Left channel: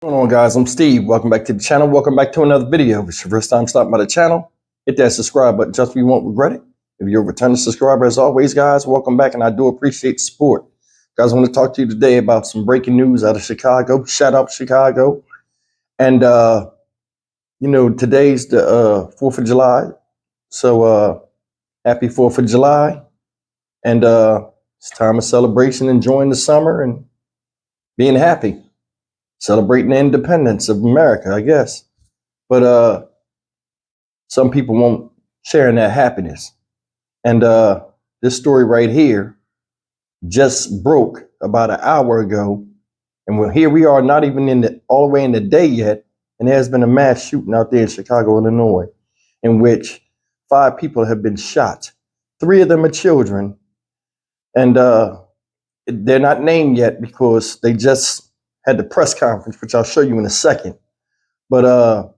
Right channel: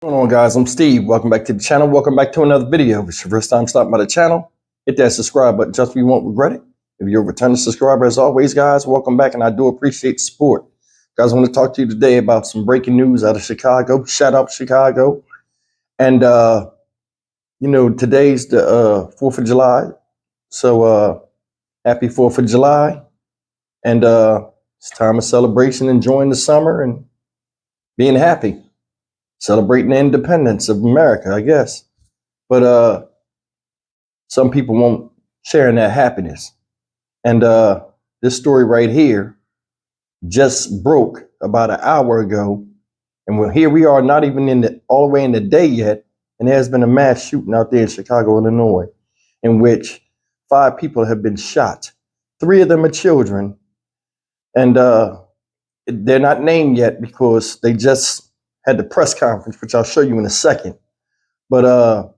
What's going on, guys? I'm Steve. Welcome back to the channel. Welcome back to another video. If it's your first time stopping by the channel, hit that subscribe button. Just so you won't regret it. If you're a returning subscriber, as always, guys, welcome back, and I do appreciate the support. Guys, I want to talk to you today about some breaking news out of Chicago. Shout out Chicago. And, today's the 4th of July. So happy 4th of July. And it's time of celebration, enjoying the summer and being happy. Celebrating the independence of America, I guess. But some people won't share in that happiness. And this story right here just broke about an hour ago. And here we are, not even all the way in the day yet. And there's been a mass shooting out there in Chicago, Illinois, in which 5 people have been shot. 3 of them are children. And they're not named yet because they just had the press conference, which I'll show you in a second. But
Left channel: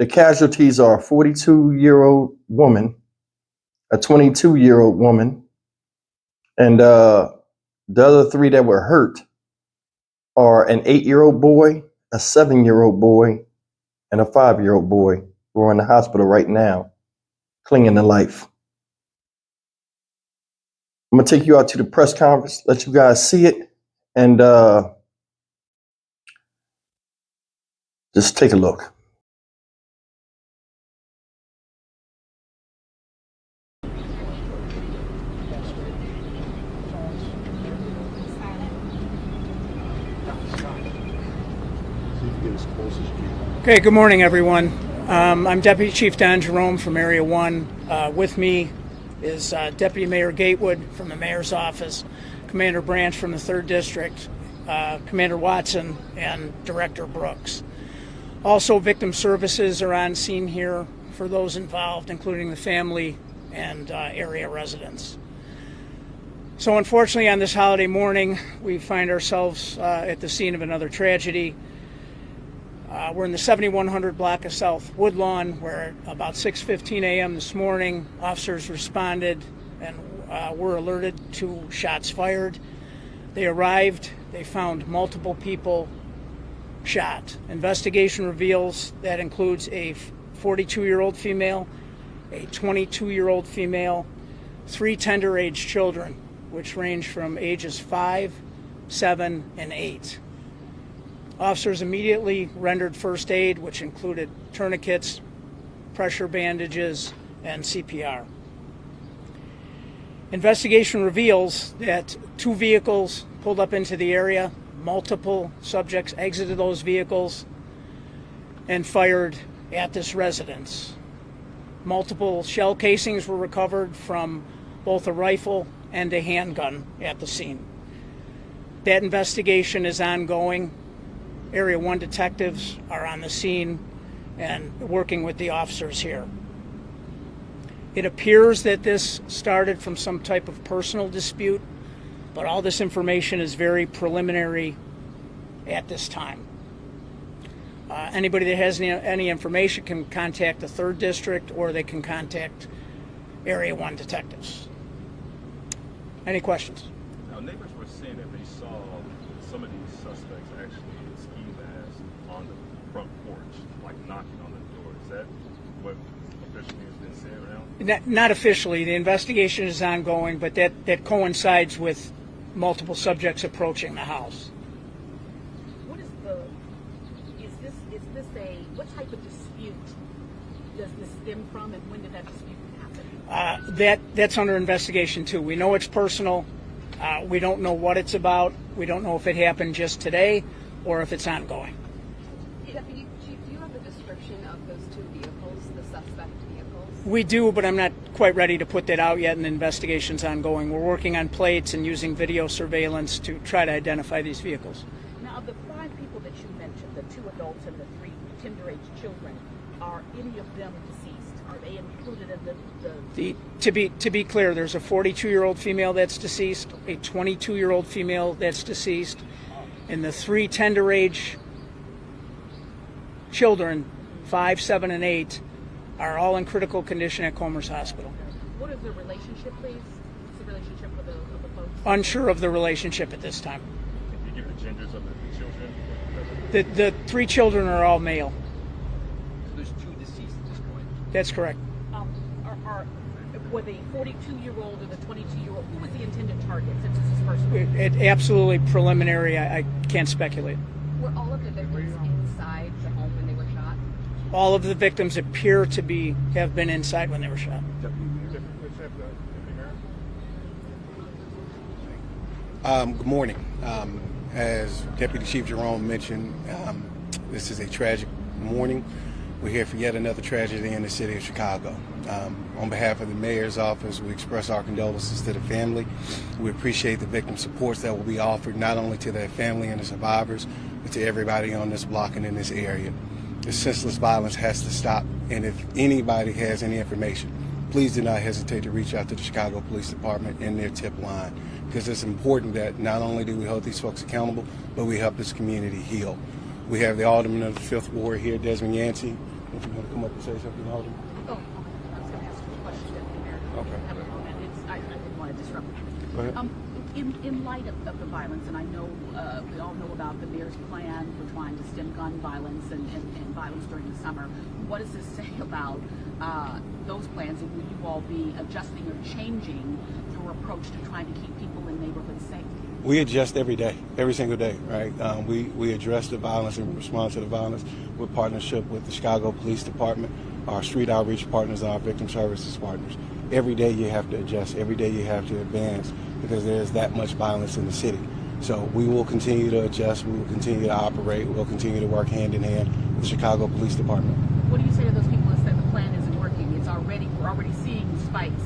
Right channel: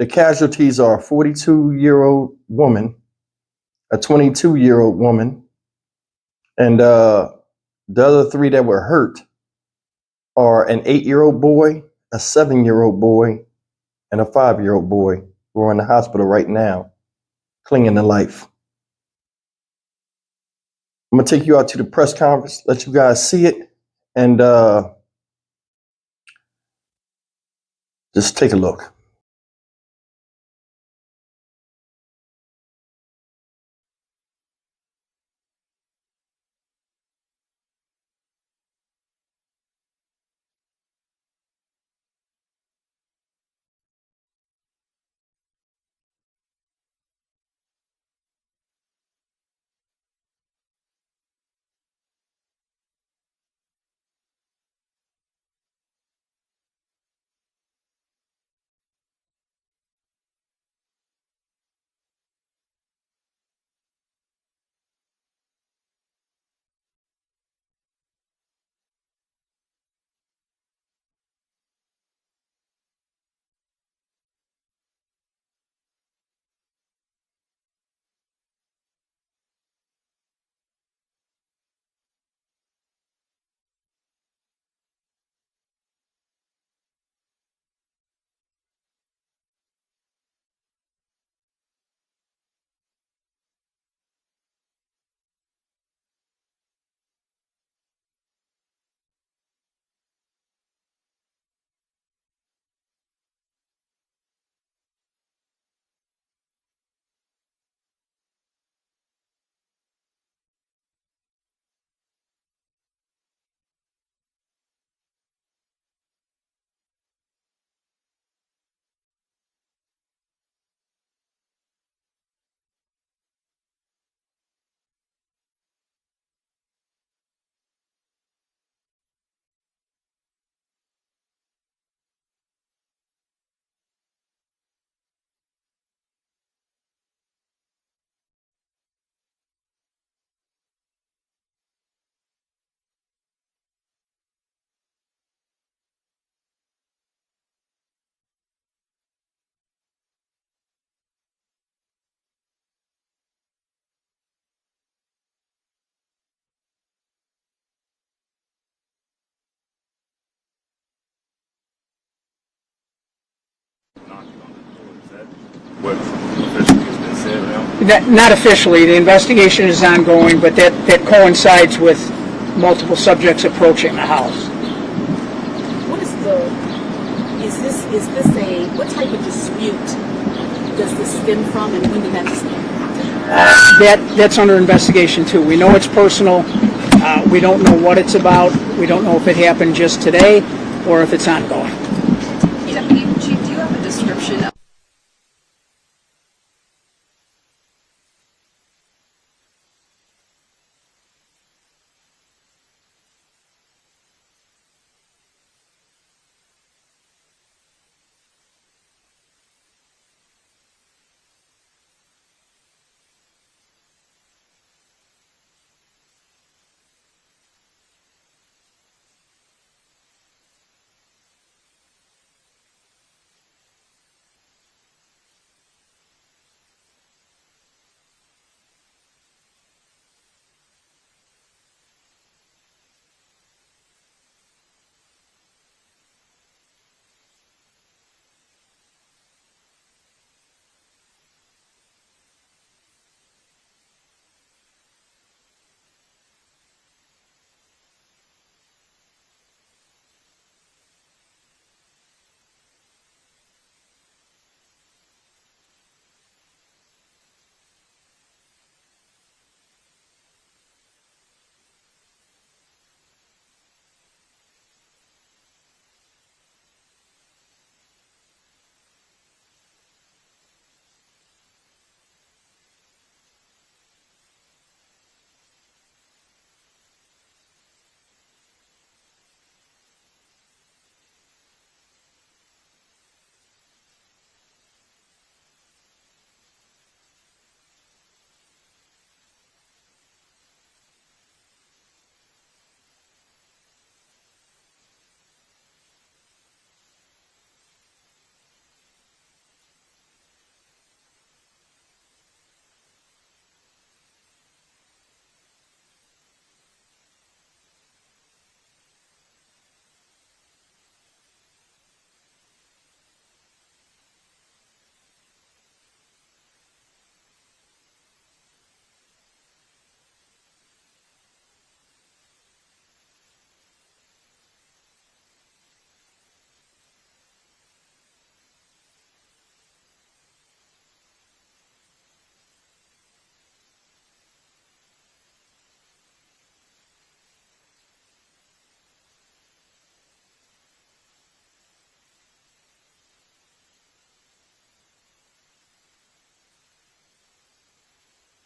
the casualties are a 42-year-old woman, a 22-year-old woman, and the other 3 that were hurt are an 8-year-old boy, a 7-year-old boy, and a 5-year-old boy who are in the hospital right now, clinging to life. I'm gonna take you out to the press conference, let you guys see it, and just take a look. Okay, good morning, everyone. I'm Deputy Chief Don Jerome from Area 1. With me is Deputy Mayor Gatewood from the Mayor's Office, Commander Branch from the 3rd District, Commander Watson, and Director Brooks. Also, victim services are on scene here for those involved, including the family and area residents. So unfortunately, on this holiday morning, we find ourselves at the scene of another tragedy. We're in the 7100 block of South Woodlawn, where about 6:15 a.m. this morning, officers responded and were alerted to shots fired. They arrived, they found multiple people shot. Investigation reveals that includes a 42-year-old female, a 22-year-old female, 3 tender-age children, which range from ages 5, 7, and 8. Officers immediately rendered first aid, which included tourniquets, pressure bandages, and CPR. Investigation reveals that 2 vehicles pulled up into the area, multiple subjects exited those vehicles and fired at this residence. Multiple shell casings were recovered from both a rifle and a handgun at the scene. That investigation is ongoing. Area 1 detectives are on the scene and working with the officers here. It appears that this started from some type of personal dispute, but all this information is very preliminary at this time. Anybody that has any information can contact the 3rd District, or they can contact Area 1 detectives. Any questions? Now, neighbors were saying that they saw some of these suspects actually in ski masks on the front porch, like knocking on the door. Is that what officially has been said now? Not officially. The investigation is ongoing, but that coincides with multiple subjects approaching the house. What type of dispute does this stem from, and when did that start? That's under investigation too. We know it's personal. We don't know what it's about. We don't know if it happened just today or if it's ongoing. Deputy Chief, do you have a description of those 2 vehicles, the suspect vehicles? We do, but I'm not quite ready to put that out yet, and the investigation's ongoing. We're working on plates and using video surveillance to try to identify these vehicles. Now, of the 5 people that you mentioned, the 2 adults and the 3 tender-age children, are any of them deceased? Are they included in To be clear, there's a 42-year-old female that's deceased, a 22-year-old female that's deceased, and the 3 tender-age children, 5, 7, and 8, are all in critical condition at Comer's Hospital. What is the relationship, please? What's the relationship of the folks? Unsure of the relationship at this time. Can you give the genders of the children? The 3 children are all male. There's 2 deceased at this point. That's correct. Were the 42-year-old or the 22-year-old, who was the intended target since this is first one? It absolutely preliminary. I can't speculate. Were all of the victims inside the home when they were shot? All of the victims appear to have been inside when they were shot. Good morning. As Deputy Chief Jerome mentioned, this is a tragic morning. We're here for yet another tragedy in the city of Chicago. On behalf of the mayor's office, we express our condolences to the family. We appreciate the victim supports that will be offered not only to their family and the survivors, but to everybody on this block and in this area. This senseless violence has to stop, and if anybody has any information, please do not hesitate to reach out to the Chicago Police Department and their tip line, because it's important that not only do we hold these folks accountable, but we help this community heal. We have the Alderman of the 5th Ward here, Desmond Yancey. If you want to come up and say something, Alderman. Oh, I was going to ask you a question, Deputy Mayor. Okay. Have a moment. I didn't want to disrupt you. Go ahead. In light of the violence, and I know we all know about the mayor's plan for trying to stem gun violence and violence during the summer, what does this say about those plans, and will you all be adjusting or changing your approach to trying to keep people in neighborhoods safe? We adjust every day, every single day, right? We address the violence and respond to the violence with partnership with the Chicago Police Department, our street outreach partners, and our victim services partners. Every day you have to adjust, every day you have to advance, because there's that much violence in the city. So we will continue to adjust, we will continue to operate, we'll continue to work hand in hand with the Chicago Police Department. What do you say to those people that say the plan isn't working? We're already seeing spikes,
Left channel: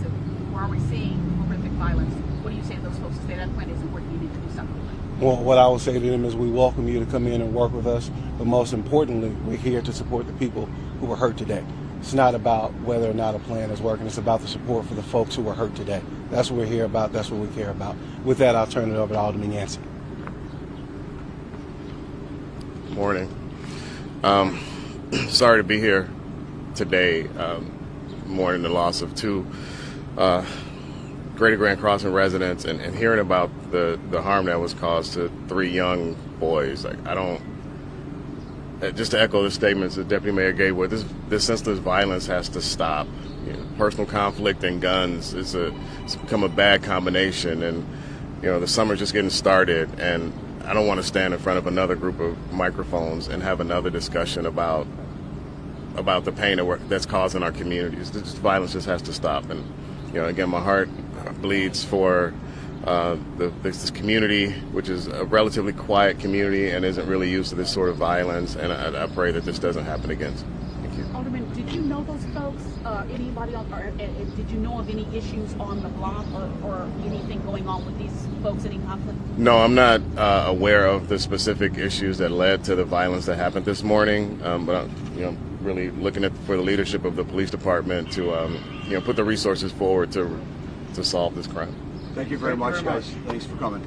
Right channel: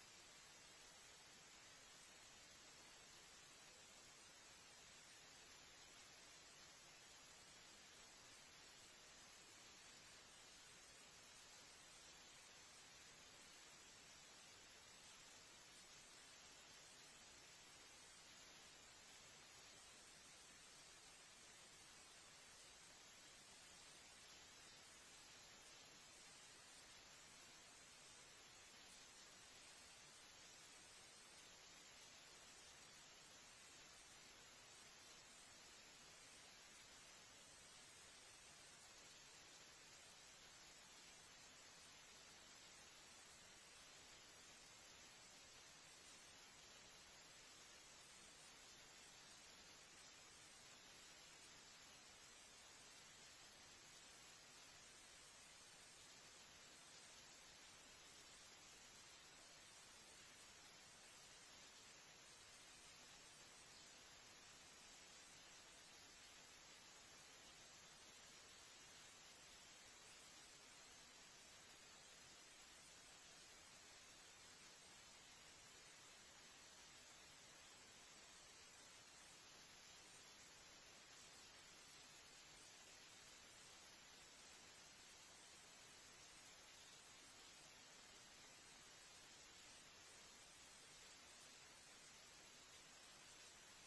we're already seeing horrific violence. What do you say to those folks that say that plan isn't working? You need to do something. Well, what I will say to them is we welcome you to come in and work with us, but most importantly, we're here to support the people who were hurt today. It's not about whether or not a plan is working, it's about the support for the folks who were hurt today. That's what we're here about, that's what we care about. With that, I'll turn it over to Alderman Yancey. Morning. Sorry to be here today, mourning the loss of 2 Greater Grand Crossing residents and hearing about the harm that was caused to 3 young boys. Like, I don't, just to echo the statements that Deputy Mayor Gatewood, this senseless violence has to stop. You know, personal conflict and guns it's become a bad combination, and the summer's just getting started, and I don't want to stand in front of another group of microphones and have another discussion about the pain that's causing our communities. This violence just has to stop, and again, my heart bleeds for this community, which is a relatively quiet community and isn't really used to this sort of violence, and I pray that this doesn't happen again. Thank you. Alderman, did you know those folks? Anybody on, or did you know of any issues on the block or anything going on with these folks, any conflict? No, I'm not aware of the specific issues that led to the violence that happened this morning, but I'm really looking for the leadership of the police department to put the resources forward to solve this crime. Thank you very much, guys. Thanks for coming.